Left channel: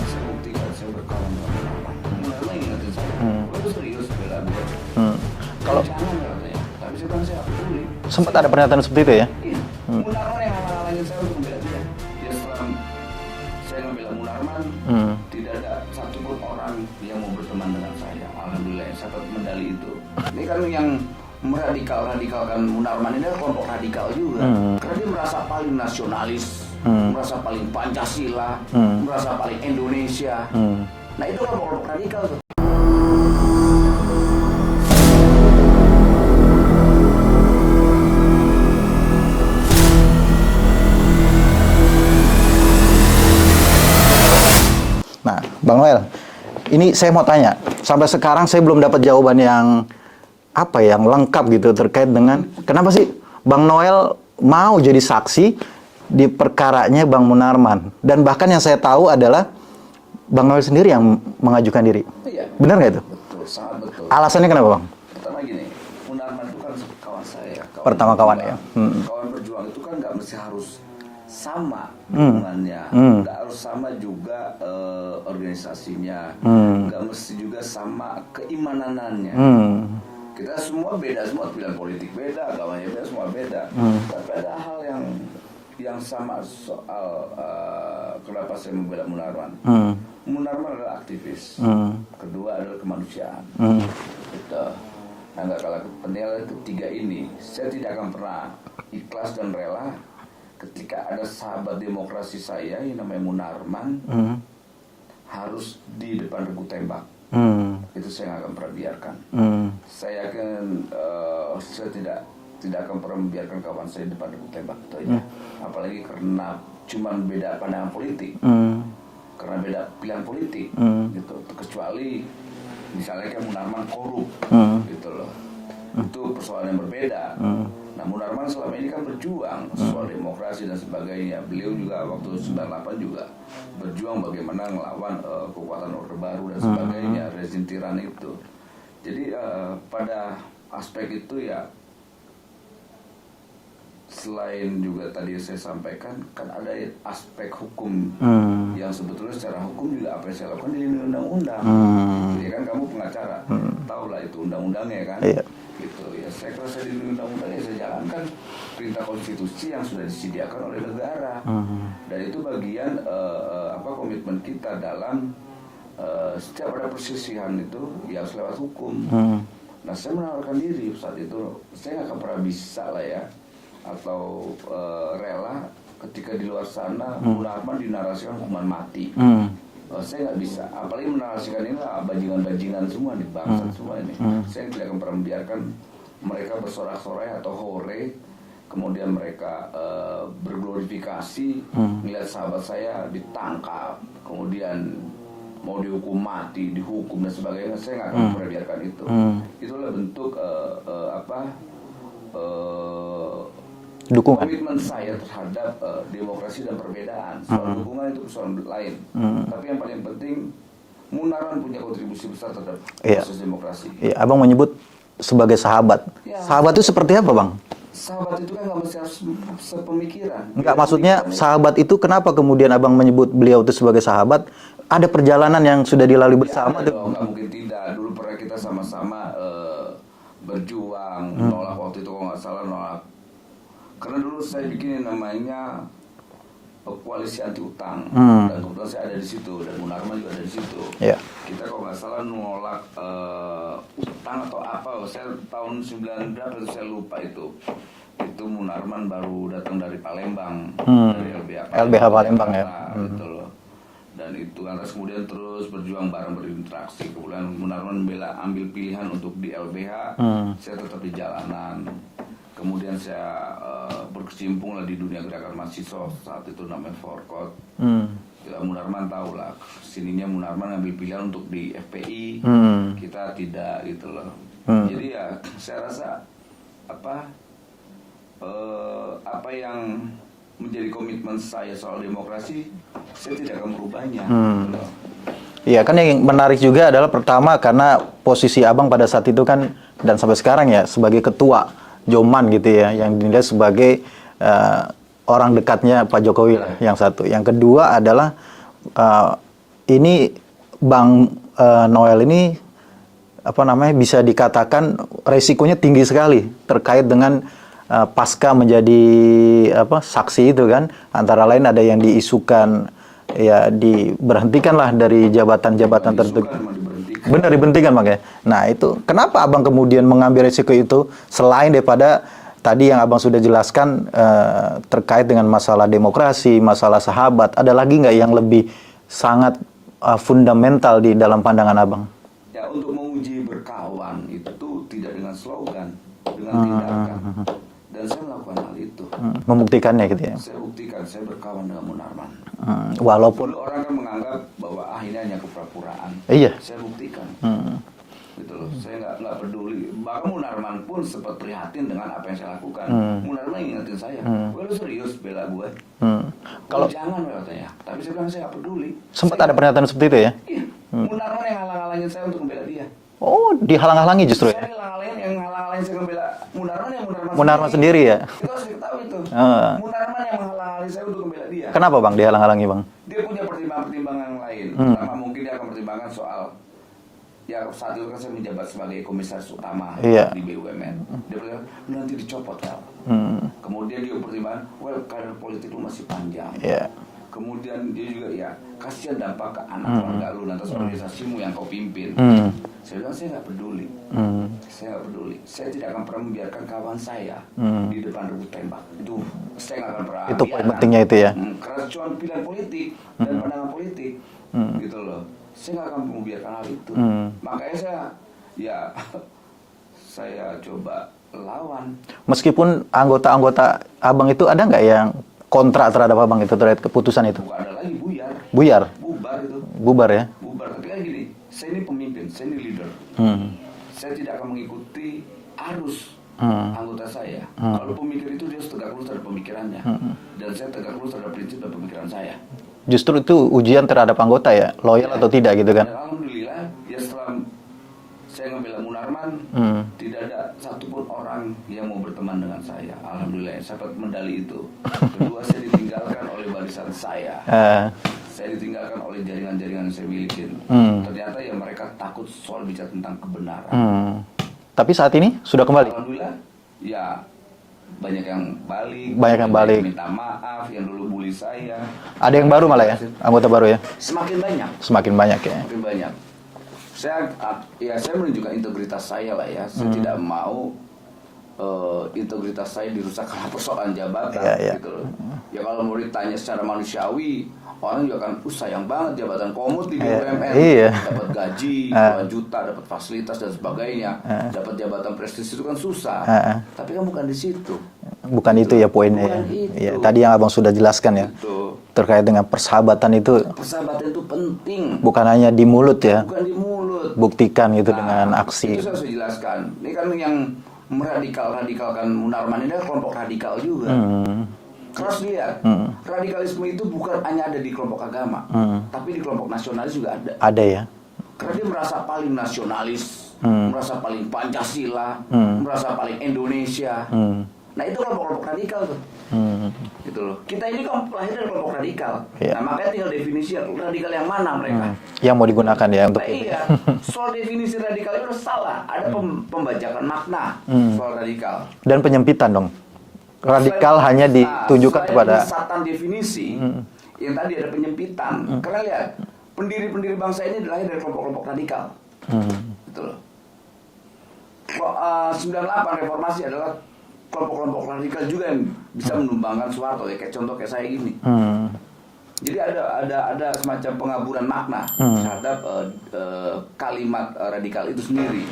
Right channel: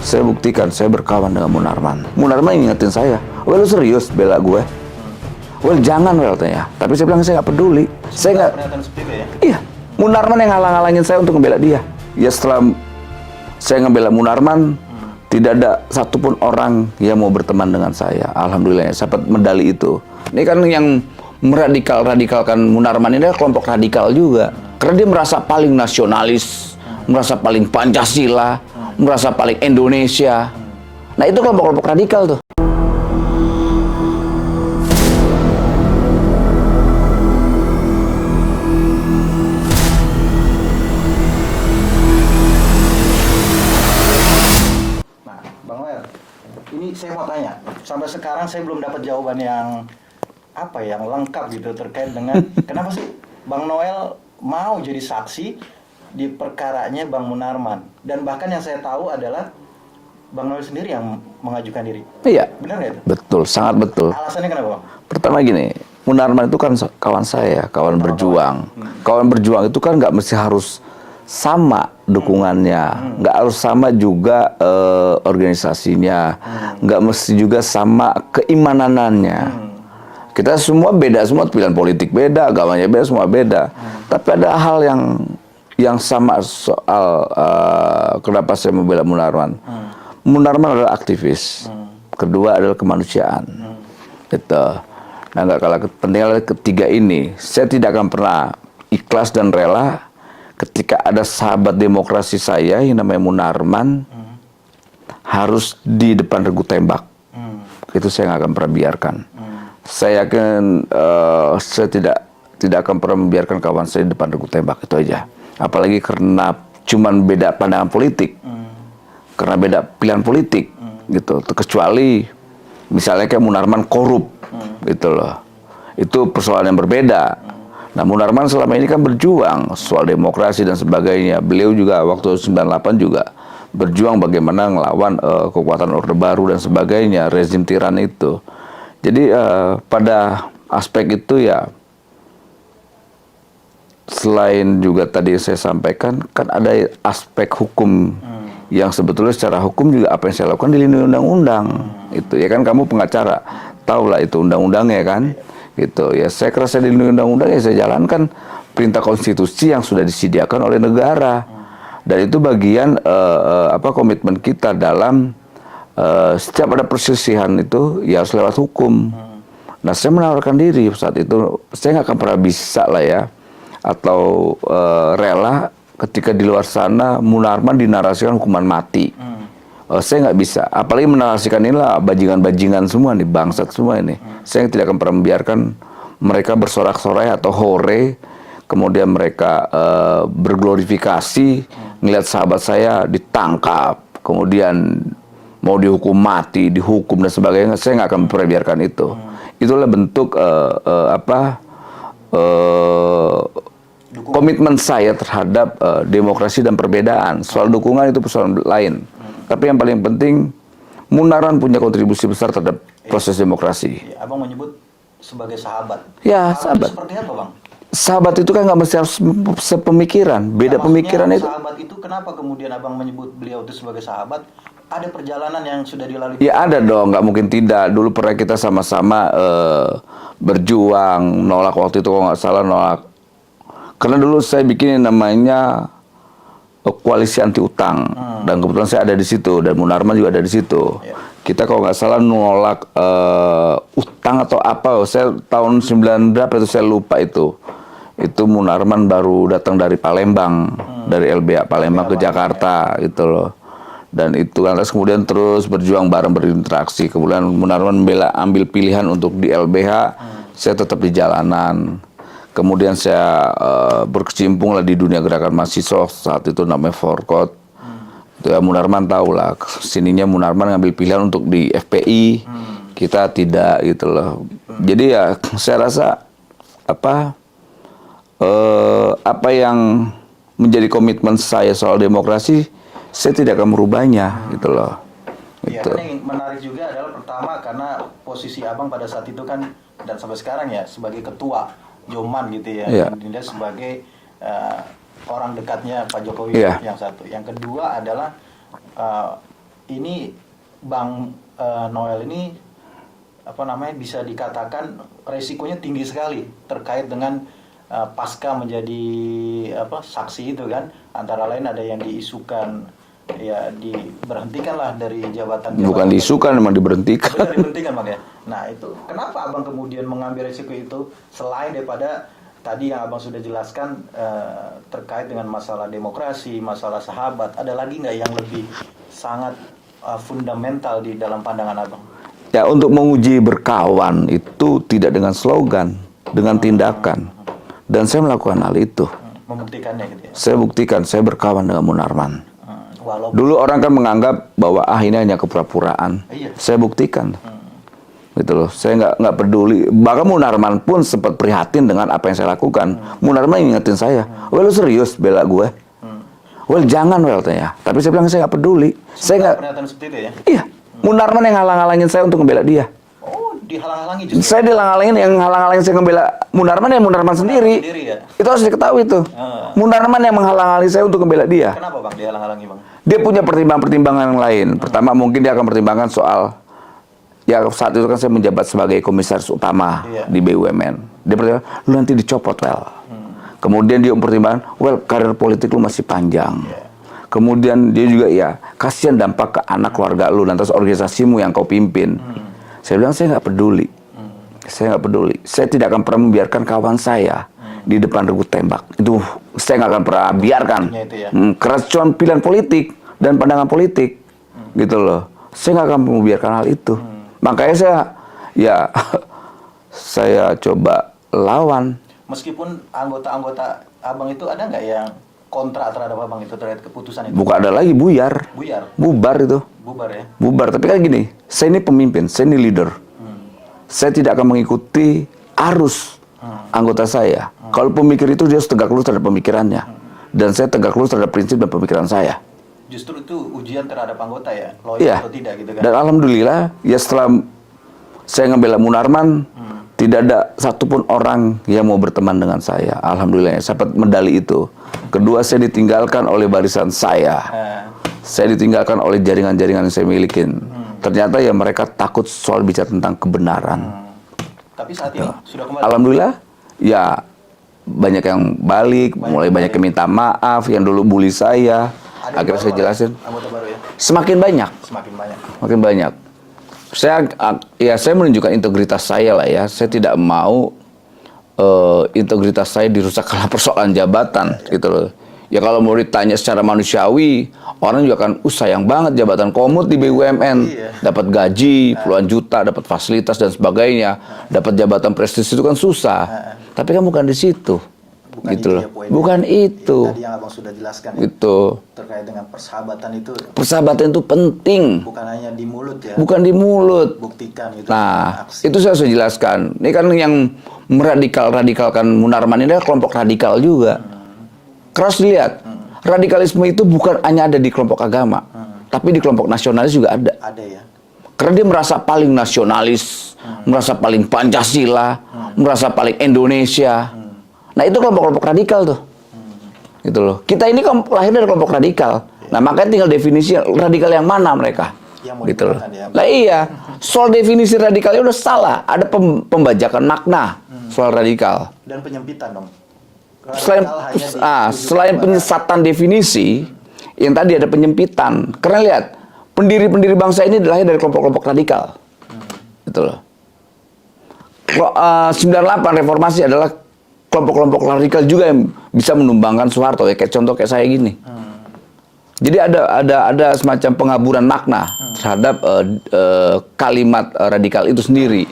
Saya buktikan, saya berkawan dengan Munarman. Munarman ingetin saya, "Wah, lu serius bela gue?" Wah, jangan, Wel, katanya. Tapi saya bilang, saya nggak peduli. Sempat ada pernyataan seperti itu ya? Iya, Munarman yang ngalang-ngalangin saya untuk membela dia. Ya setelah saya ngebela Munarman, tidak ada satupun orang yang mau berteman dengan saya. Alhamdulillah, saya dapat medali itu. Ini kan yang meradikal-radikalkan Munarman ini adalah kelompok radikal juga. Karena dia merasa paling nasionalis, merasa paling Pancasila, merasa paling Indonesia. Nah, itu kelompok-kelompok radikal tuh. Nah, Bang Noel, ini saya mau tanya. Sampai sekarang saya belum dapat jawaban yang yang lengkap gitu terkait dengan kenapa sih Bang Noel mau jadi saksi di perkaranya Bang Munarman. Dan bahkan yang saya tahu adalah Bang Noel sendiri yang mengajukan diri. Iya. Benar nggak itu? Betul, sangat betul. Alasannya kenapa, Bang? Pertama gini, Munarman itu kan kawan saya, kawan berjuang. Kawan berjuang itu kan nggak mesti harus sama dukungannya, nggak harus sama juga organisasinya, nggak mesti juga sama keimananannya. Kita semua beda, semua pilihan politik beda, agamanya beda, semua beda. Tapi ada hal yang sama soal kenapa saya membela Munarman. Munarman adalah aktivis. Kedua adalah kemanusiaan. Gitu. Nah, nggak kalah penting adalah ketiga ini. Saya tidak akan pernah ikhlas dan rela ketika ada sahabat demokrasi saya yang namanya Munarman harus di depan regu tembak. Itu saya nggak akan pernah biarkan. Saya yakin saya tidak akan pernah membiarkan kawan saya di depan regu tembak, itu aja. Apalagi karena cuman beda pandangan politik, karena beda pilihan politik, gitu. Kecuali misalnya kayak Munarman korup, gitu loh. Itu persoalan yang berbeda. Nah, Munarman selama ini kan berjuang soal demokrasi dan sebagainya. Beliau juga waktu 98 juga berjuang bagaimana ngelawan kekuatan Orde Baru dan sebagainya, rezim tiran itu. Jadi pada aspek itu ya, selain juga tadi saya sampaikan, kan ada aspek hukum yang sebetulnya secara hukum juga apa yang saya lakukan dilindungi undang-undang. Gitu ya kan, kamu pengacara, tahulah itu undang-undangnya kan. Gitu ya, saya kerasa dilindungi undang-undang, ya saya jalankan perintah konstitusi yang sudah disediakan oleh negara. Dan itu bagian komitmen kita dalam setiap ada perselisihan itu ya harus lewat hukum. Nah, saya menawarkan diri saat itu, saya nggak akan pernah bisa lah ya, atau rela ketika di luar sana Munarman dinarasikan hukuman mati. Saya nggak bisa, apalagi menarasikan inilah bajingan-bajingan semua nih, bangsat semua ini. Saya tidak akan pernah membiarkan mereka bersorak-sorai atau hore, kemudian mereka berglorifikasi, ngelihat sahabat saya ditangkap, kemudian mau dihukum mati, dihukum dan sebagainya. Saya nggak akan pernah biarkan itu. Itulah bentuk komitmen saya terhadap demokrasi dan perbedaan. Soal dukungan itu persoalan lain. Tapi yang paling penting, Munarman punya kontribusi besar terhadap proses demokrasi. Abang menyebut sebagai sahabat. Ya, sahabat itu seperti apa, Bang? Sahabat itu kan nggak mesti harus sepemikiran. Beda pemikiran itu. Sahabat itu kenapa kemudian Abang menyebut beliau itu sebagai sahabat? Ada perjalanan yang sudah dilalui bersama? Ya ada dong, nggak mungkin tidak. Dulu pernah kita sama-sama berjuang, nolak waktu itu kalau nggak salah nolak. Karena dulu saya bikin yang namanya koalisi anti utang, dan kebetulan saya ada di situ, dan Munarman juga ada di situ. Kita kalau nggak salah nolak utang atau apa, saya tahun 9 berapa itu saya lupa itu. Itu Munarman baru datang dari Palembang, dari LBH Palembang ke Jakarta, gitu loh. Dan itu lantas kemudian terus berjuang bareng, berinteraksi. Kemudian Munarman ambil pilihan untuk di LBH, saya tetap di jalanan. Kemudian saya berkecimpung lah di dunia gerakan mahasiswa saat itu namanya Forkot. Ya, Munarman tahu lah, sininya Munarman ngambil pilihan untuk di FPI, kita tidak gitu loh. Jadi ya saya rasa apa yang menjadi komitmen saya soal demokrasi, saya tidak akan merubahnya gitu loh. Iya kan, yang menarik juga adalah pertama karena posisi Abang pada saat itu kan, dan sampai sekarang ya sebagai ketua Joman gitu ya, yang dinilai sebagai orang dekatnya Pak Jokowi yang satu. Yang kedua adalah ini Bang Noel ini apa namanya bisa dikatakan resikonya tinggi sekali terkait dengan pasca menjadi saksi itu kan, antara lain ada yang diisukan ya diberhentikan lah dari jabatan-jabatan Bukan diisukan, memang diberhentikan. Benar, diberhentikan makanya. Nah itu kenapa abang kemudian mengambil resiko itu selain daripada tadi yang abang sudah jelaskan terkait dengan masalah demokrasi, masalah sahabat, ada lagi nggak yang lebih sangat fundamental di dalam pandangan abang? Ya, untuk menguji berkawan itu tidak dengan slogan, dengan tindakan. Dan saya melakukan hal itu. Membuktikannya gitu ya? Saya buktikan, saya berkawan dengan Munarman. Walaupun Dulu orang kan menganggap bahwa ini hanya kepura-puraan. Iya. Saya buktikan. Gitu loh. Saya nggak peduli. Bahkan Munarman pun sempat prihatin dengan apa yang saya lakukan. Munarman ingetin saya, "Well, lu serius bela gue?" "Well, jangan, well," tanya. Tapi saya bilang saya nggak peduli. sempat Saya ada nggak. pernyataan seperti itu ya? Iya. Munarman yang halang-halangin saya untuk membela dia. Oh, dihalang-halangi justru? Saya dihalang-halangin, yang halang-halangin saya membela Munarman ya Munarman sendiri. Ya? Itu harus diketahui itu. Munarman yang menghalang-halangi saya untuk membela dia. Kenapa Bang dihalang-halangi Bang? Dia punya pertimbangan-pertimbangan yang lain. Pertama mungkin dia akan pertimbangkan soal, ya saat itu kan saya menjabat sebagai komisaris utama di BUMN. Dia pertimbangkan, lu nanti dicopot, well. Kemudian dia mempertimbangkan, well, karir politik lu masih panjang. Kemudian dia juga, ya kasihan dampak ke anak keluarga lu, lantas organisasimu yang kau pimpin. Saya bilang, saya nggak peduli. Saya nggak peduli. Saya tidak akan pernah membiarkan kawan saya di depan regu tembak. Itu saya nggak akan pernah biarkan. Itu ya? Karena cuma pilihan politik dan pandangan politik, gitu loh. Saya nggak akan membiarkan hal itu. Makanya saya coba lawan. Meskipun anggota-anggota abang itu ada nggak yang kontra terhadap abang itu terhadap keputusan itu? Bukan ada lagi, buyar. Bubar itu. Bubar ya? Bubar. Tapi kan gini, saya ini pemimpin, saya ini leader. Saya tidak akan mengikuti arus anggota saya. Kalau pemikir itu dia harus tegak lurus terhadap pemikirannya. Dan saya tegak lurus terhadap prinsip dan pemikiran saya. Justru itu ujian terhadap anggota ya? Loyal atau tidak gitu kan? Dan alhamdulillah, ya setelah saya ngebela Munarman, tidak ada satupun orang yang mau berteman dengan saya. Alhamdulillah, saya dapat medali itu. Kedua, saya ditinggalkan oleh barisan saya. Saya ditinggalkan oleh jaringan-jaringan yang saya miliki. Ternyata ya mereka takut soal bicara tentang kebenaran. Tapi saat ini sudah kembali? Alhamdulillah, ya banyak yang balik, banyak yang minta maaf, yang dulu bully saya. Ada yang baru malah ya? Anggota baru ya? Semakin banyak. Semakin banyak ya? Makin banyak. Saya menunjukkan integritas saya lah ya. Saya tidak mau integritas saya dirusak karena persoalan jabatan gitu loh. Ya kalau mau ditanya secara manusiawi, orang juga kan sayang banget jabatan komut di BUMN. Dapat gaji puluhan juta, dapat fasilitas dan sebagainya. Dapat jabatan prestisius itu kan susah. Tapi kan bukan di situ. Bukan gitu itu ya poinnya. Bukan itu. Ya, tadi yang abang sudah jelaskan ya. Itu. Terkait dengan persahabatan itu. Persahabatan itu penting. Bukan hanya di mulut ya. Bukan di mulut. Buktikan itu dengan aksi. Itu saya sudah jelaskan. Ini kan yang meradikal-radikalkan Munarman ini adalah kelompok radikal juga. Keras dilihat. Radikalisme itu bukan hanya ada di kelompok agama. Tapi di kelompok nasionalis juga ada. Ada ya. Karena dia merasa paling nasionalis. Merasa paling Pancasila. Merasa paling Indonesia. Nah itu kelompok-kelompok radikal tuh, gitu loh. Kita ini lahir dari kelompok radikal. Nah makanya tinggal definisi radikal yang mana mereka. Yang mau digunakan ya. Nah iya, soal definisi radikalnya udah salah. Ada pembajakan makna soal radikal. Dan penyempitan dong. Radikal hanya ditunjukkan selain penyesatan definisi, yang tadi ada penyempitan. Karena lihat, pendiri-pendiri bangsa ini lahir dari kelompok-kelompok radikal, gitu loh. 98 reformasi adalah kelompok-kelompok radikal juga yang bisa menumbangkan Soeharto ya, kayak contoh kayak saya gini. Jadi ada semacam pengaburan makna terhadap kalimat radikal itu sendiri.